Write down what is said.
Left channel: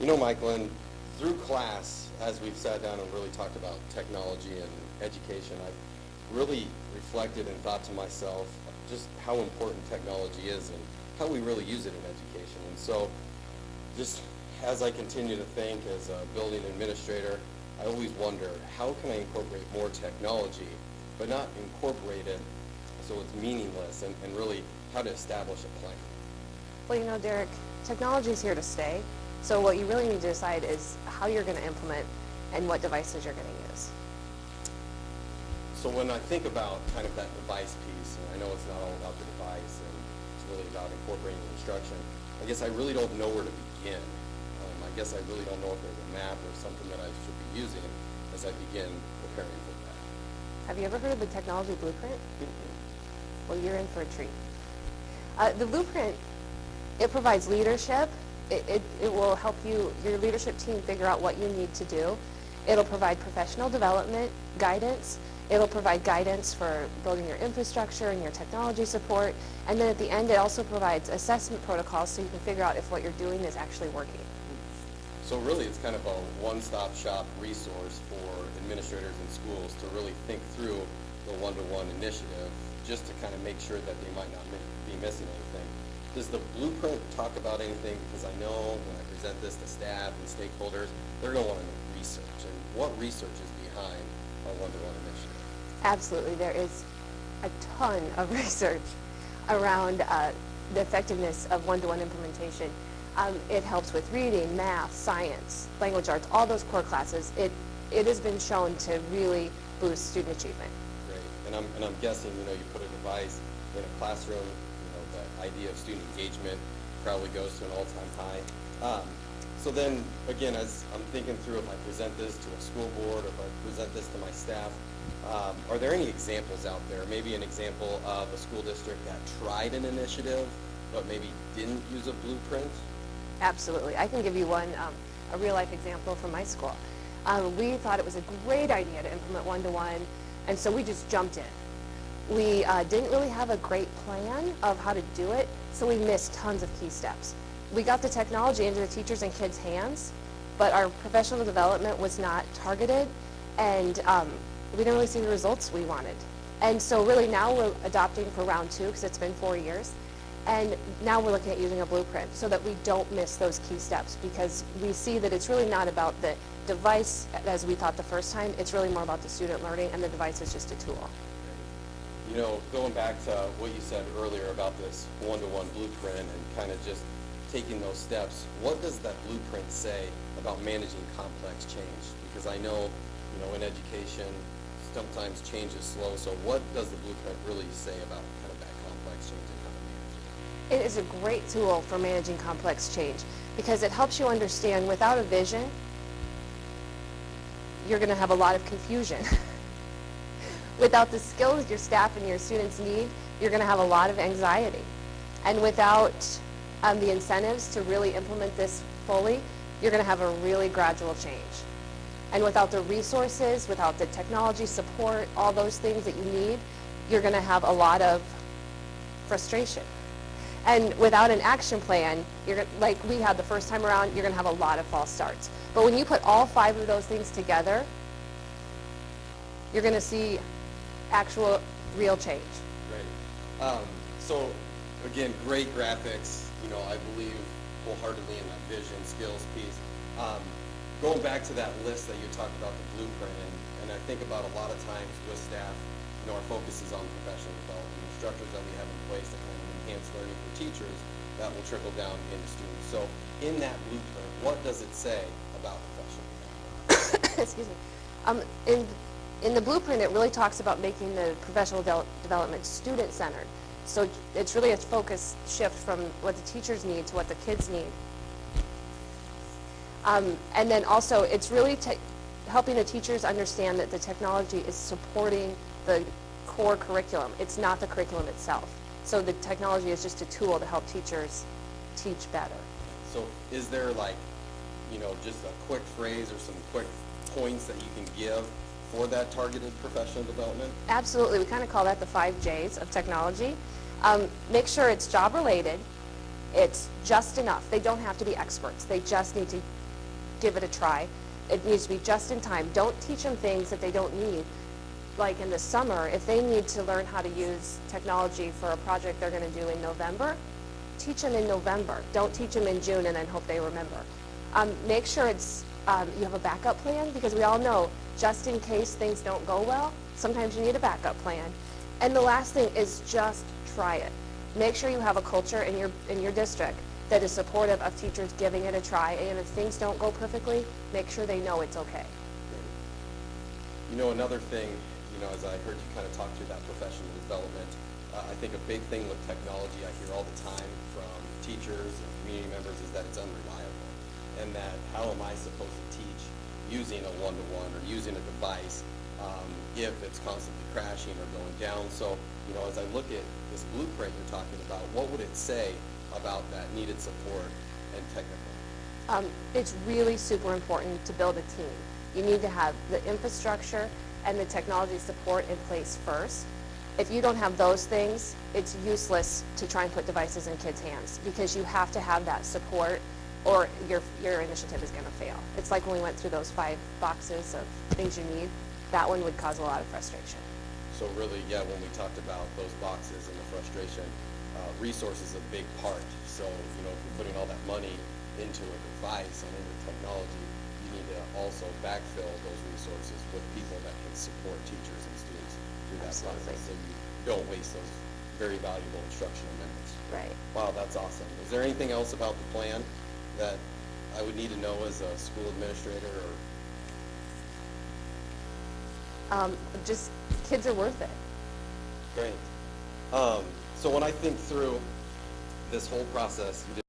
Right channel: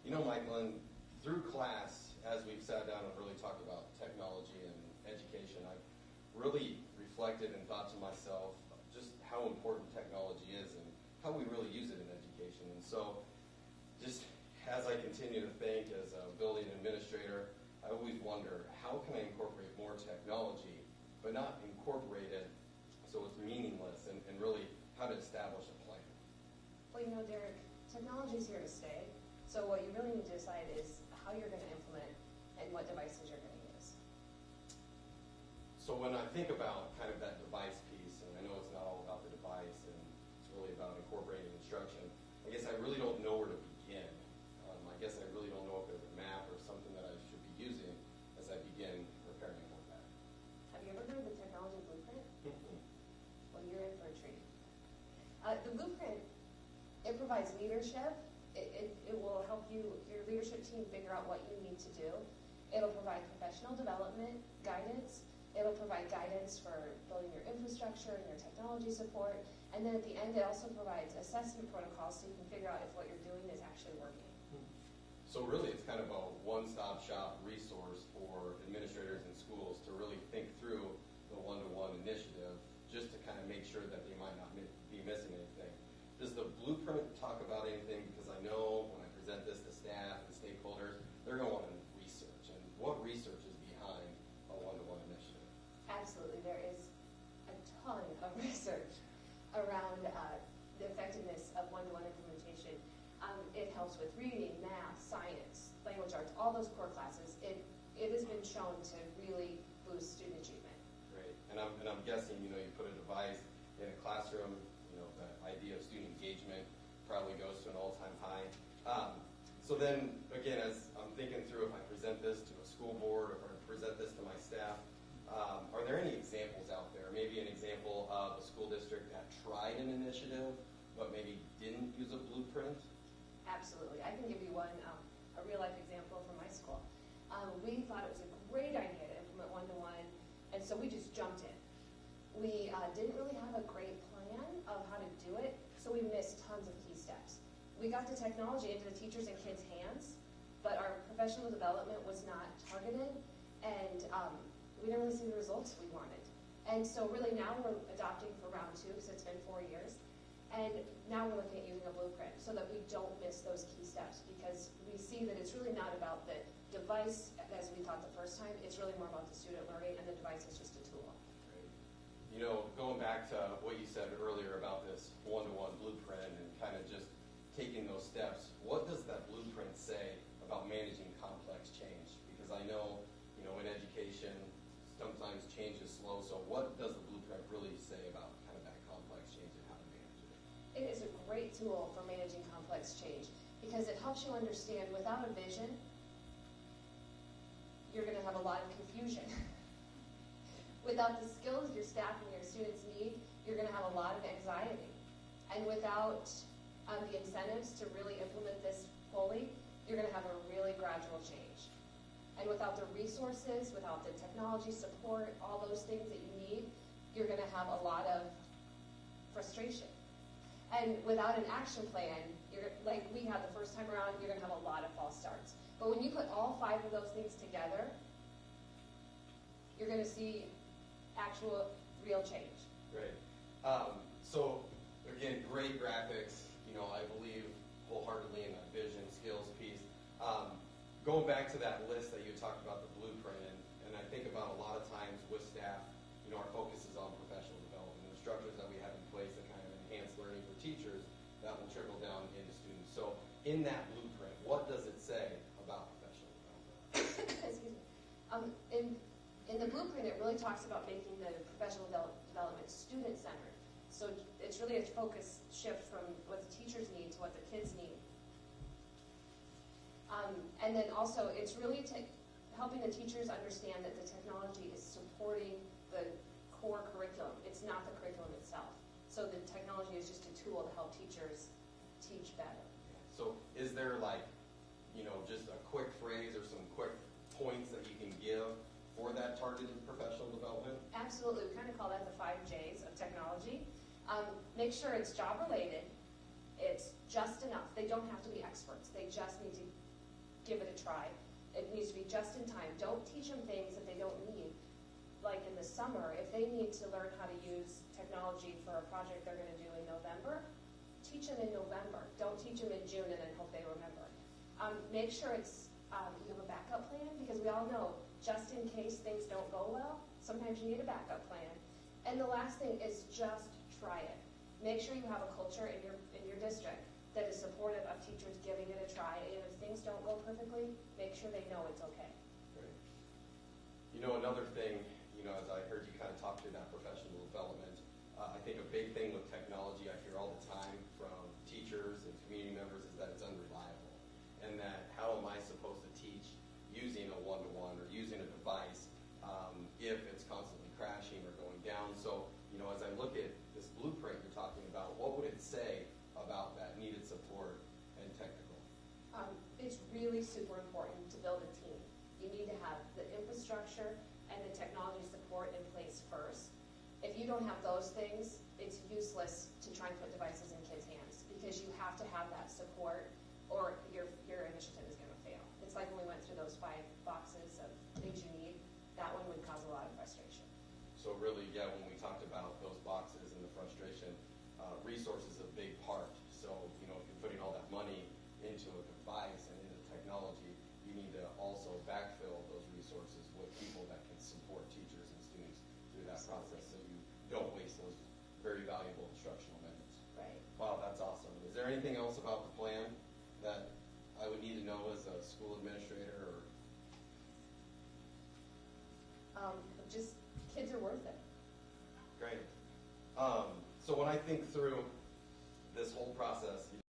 You know, Mickolyn, through class, as we've sat down and really talked about technology and education, I've really reflected and thought to myself just how important technology is and how we really use it in education. And so just as I continue to think as a building administrator, I always wonder, how can I incorporate more technology, but not incorporate it so it's meaningless, and really how to establish a plan? Well, you know, Derek, technology is here to stay. So what you really need to decide is how you're going to implement and what devices you're going to use. So when I think about kind of that device piece, and I know it's not all about the device and it's really about incorporating instruction, I guess I really don't know where to begin. I guess I really don't know if there's a map or something that I should be using as I begin preparing for that. Have you ever heard of the technology blueprint? Well, you're in for a treat. The blueprint, it provides leadership. It will help your leadership team figure out what you need to do. It'll provide professional development guidance. It'll provide guidance for building your infrastructure and your technology support. And then at the end, it also provides assessment protocols so you can figure out if what you're doing is actually working. So really, it's kind of a one-stop shop resource for administrators and schools to really think through the one-to-one initiative, just to kind of make sure that they might not be missing anything. Does the blueprint talk about anything? Because I know when I present this to staff and stakeholders, they're going to want to research. And what research is behind our one-to-one initiative? Absolutely. There is a ton of research around the effectiveness of one-to-one implementation. It helps with reading, math, science, language arts, all those core classes. It has been shown to really boost student achievement. Great. And I'm guessing, you put a device in a classroom, the idea of student engagement probably goes to an all-time high. So then, again, as I'm thinking through, if I present this to a school board or if I present this to my staff, are there any examples out there? Maybe an example of a school district that tried an initiative but maybe didn't use a blueprint? Absolutely. I can give you one, a real-life example from my school. We thought it was a great idea to implement one-to-one, and so we just jumped in. We didn't really have a great plan of how to do it, so we missed tons of key steps. We got the technology into the teachers' and kids' hands, but our professional development was not targeted, and we didn't really see the results we wanted. And so really now we're adopting for round 2, because it's been 4 years, and now we're looking at using a blueprint so that we don't miss those key steps, because we see that it's really not about the device as we thought the first time. It's really more about the student learning, and the device is just a tool. Going back to what you said earlier about this one-to-one blueprint and kind of just taking those steps, what does that blueprint say about managing complex change? Because I know, in education, sometimes change is slow, so what does the blueprint really say about kind of that complex change and how to manage it? It is a great tool for managing complex change because it helps you understand without a vision, you're going to have a lot of confusion. Without the skills your staff and your students need, you're going to have a lot of anxiety. And without the incentives to really implement this fully, you're going to have a really gradual change. And without the resources, without the technology support, all those things that you need, you're going to have a lot of frustration. And without an action plan, like we had the first time around, you're going to have a lot of false starts. But when you put all 5 of those things together, you're going to see actual, real change. Great. So, again, great graphics. I believe wholeheartedly in that vision, skills piece. Going back to that list that you talked about, the blueprint, and I think about a lot of times with staff, our focus is on professional development, the structures that we have in place to kind of enhance learning for teachers that will trickle down into students. So, in that blueprint, what does it say about professional development? Excuse me. In the blueprint, it really talks about making the professional development student-centered. So it's really a focus shift from what the teachers need to what the kids need. And then also, it's really helping the teachers understand that the technology is supporting the core curriculum. It's not the curriculum itself. So the technology is just a tool to help teachers teach better. So is there just a quick phrase or some quick points that you can give for that targeted professional development? Absolutely. We kind of call that the 5 J's of technology. Make sure it's job related. It's just enough. They don't have to be experts. They just need to give it a try. It needs to be just in time. Don't teach them things that they don't need. Like in the summer, if they need to learn how to use technology for a project they're going to do in November, teach them in November. Don't teach them in June and then hope they remember. Make sure you have a backup plan, because we all know just in case things don't go well, sometimes you need a backup plan. And the last thing is just try it. Make sure you have a culture in your district that is supportive of teachers giving it a try, and if things don't go perfectly, make sure they know it's okay. You know, another thing, as I heard you kind of talk through that professional development, I think a big thing with technology I hear all the time from teachers and community members is that it's unreliable, and that how am I supposed to teach using a one-to-one or using a device if it's constantly crashing or going down. So, as I look at this blueprint you're talking about, what would it say about that needed support and technical? It's really super important to build a team. You need to have the infrastructure and the technology support in place first. If you don't have those things, it's useless to try and put devices in kids' hands, because you have to have that support or your initiative is going to fail. It's like when we went through those 5 boxes of things you need, that one would cause a lot of frustration. So really, yeah, when we talked about those boxes and the frustration, resource is a big part. So, if you're putting all that money into a device and into technology, you need to also backfill those resources with people that can support teachers and students through that Absolutely. process, so you don't waste those very valuable instructional minutes. Right. Wow, that's awesome. Is there anything else about the plan that I would need to know as a school administrator, or? Just kids are worth it. Great. So when I think through this whole process, you did